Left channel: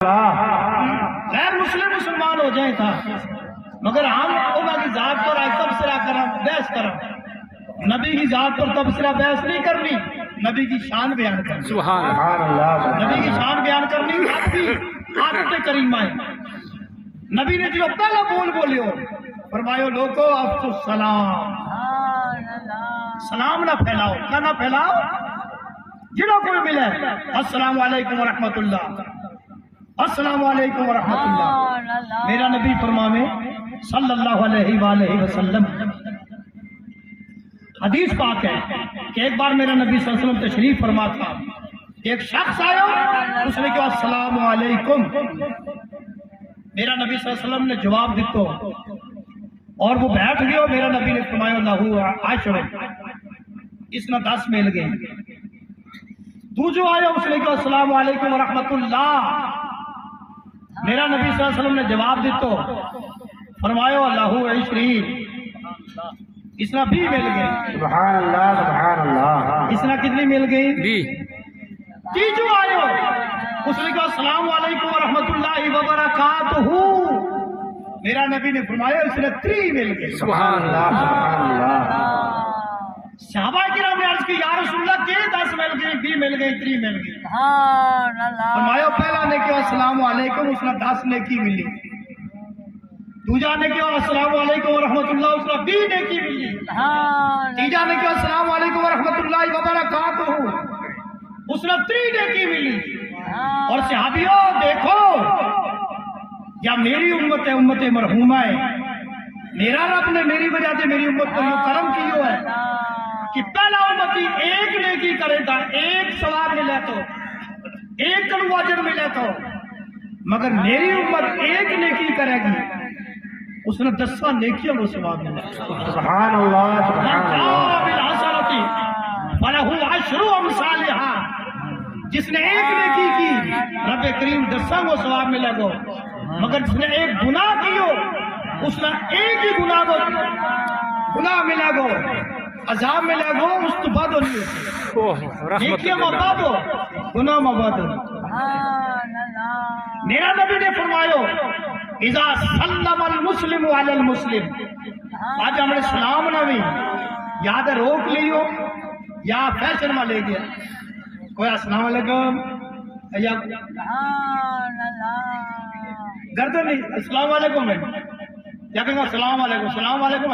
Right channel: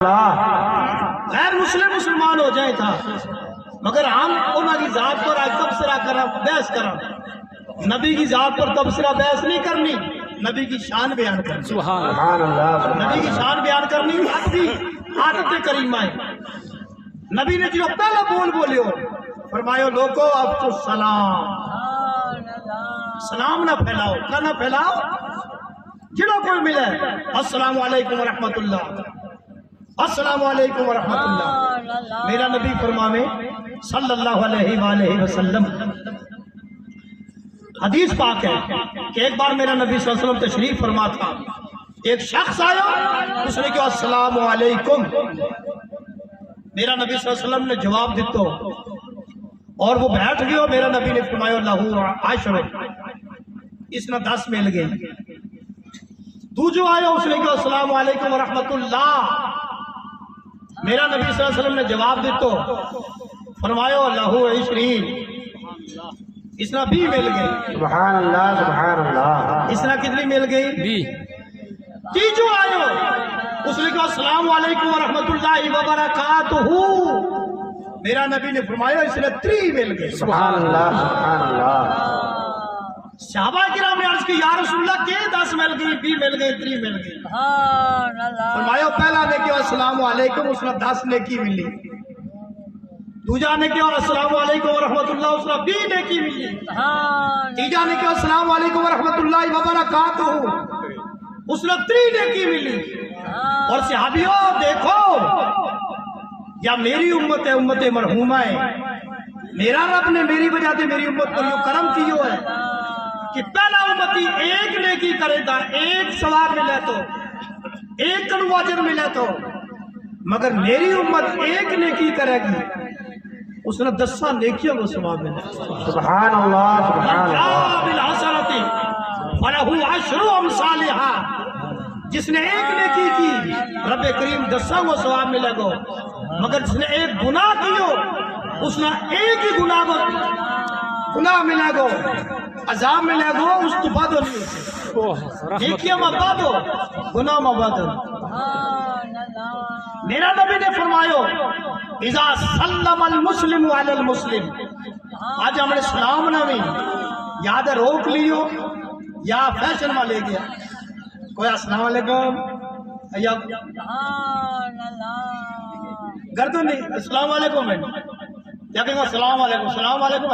غیر مسلم مسلمان ہو جائیں تھا مگر ہم انہوں کی ذات پر آج تبصرہ کریں بحث کریں نبی کی ذات پر تبصرہ بحث نہیں کرنی نبی کی شان بیان کرنی سبحان اللہ نبی کی شان بیان کرنی عادت کریمہ ہے نبی نے جو پہلا بول بولیو فرمایا لوگو اب تو سلام نہ پھیلاؤ کیا نہ پھیلاؤ جنہوں کوئی ملے السلام علیکم ورحمت اللہ السلام علیکم ورحمت اللہ میرا نبی فرماوے صلی اللہ علیہ وآلہ وسلم حدیث پاک ہے کہ ایک بار میرا نبی صلی اللہ علیہ وسلم تشریف فرما تھا ایک شخص آیا اس نے کہا السلام علیکم میرا نبی صلی اللہ علیہ وسلم نے جواب دیتا اور وہ بیٹھ گیا میرا نبی نے فرمایا لہو عشر اس نے 10 مل گئے تو جو آیا اس نے کہا السلام علیکم ورحمت اللہ میرا نبی صلی اللہ علیہ وسلم نے جواب دیتا فرمایا لہو 20 اس نے 20 مل گئی سبحان اللہ سبحان اللہ اس نے کتنی مل گئی بھی تیجو آئے اس نے کہا السلام علیکم ورحمت اللہ وبرکاتہ میرا نبی نے فرمایا اس نے 3 مل گئی سبحان اللہ سبحان اللہ صحابہ کرام نے عرض کی یا رسول اللہ کہ 10 مل گئی 20 مل گئی 3 مل گئی فرمایا پہلا نے کہا السلام علیکم اس نے 10 نیکی ملی دوجا نے کہا السلام علیکم ورحمت اللہ اس نے 20 نیکی ملی تیجا نے کہا السلام علیکم ورحمت اللہ وبرکاتہ اس نے 3 نیکی ملی اور صحابیوں دیکھو یا میری امت ہے امت مرحومہ ہے میرا رب نے میری وجہ سے میری امت پر یہ کرم کیوں ہے کہ پہلا امتی ایک نیکی کرے گا ایک ثواب ملے تو ایک تنو اجر ملے تو مگر میری امت ایک نیکی کرے گی اس نے 10 نیکیوں کو ثواب ملے سبحان اللہ سبحان اللہ بالحسنتی فلہ عشر امثالھا جس نے ایک نیکی کی رب کریم 10 کو ثواب ملے گا مگر جس نے ایک گناہ کیو اس نے ایک ہی گناہ ملے گا عذاب ملے گا اس تو بعد نہیں نیکیاں مباد ہو گناہ مباد ہو میرا نبی نے فرمایا اذا سلم المسلم علی المسلم آج ہم نے سلام نہ بھی یاد روک لیو یا فیشن میں لے گیا کوئی السلام علیکم یا گردن نہیں السلام علیکم یا کہیں گا السلام علیکم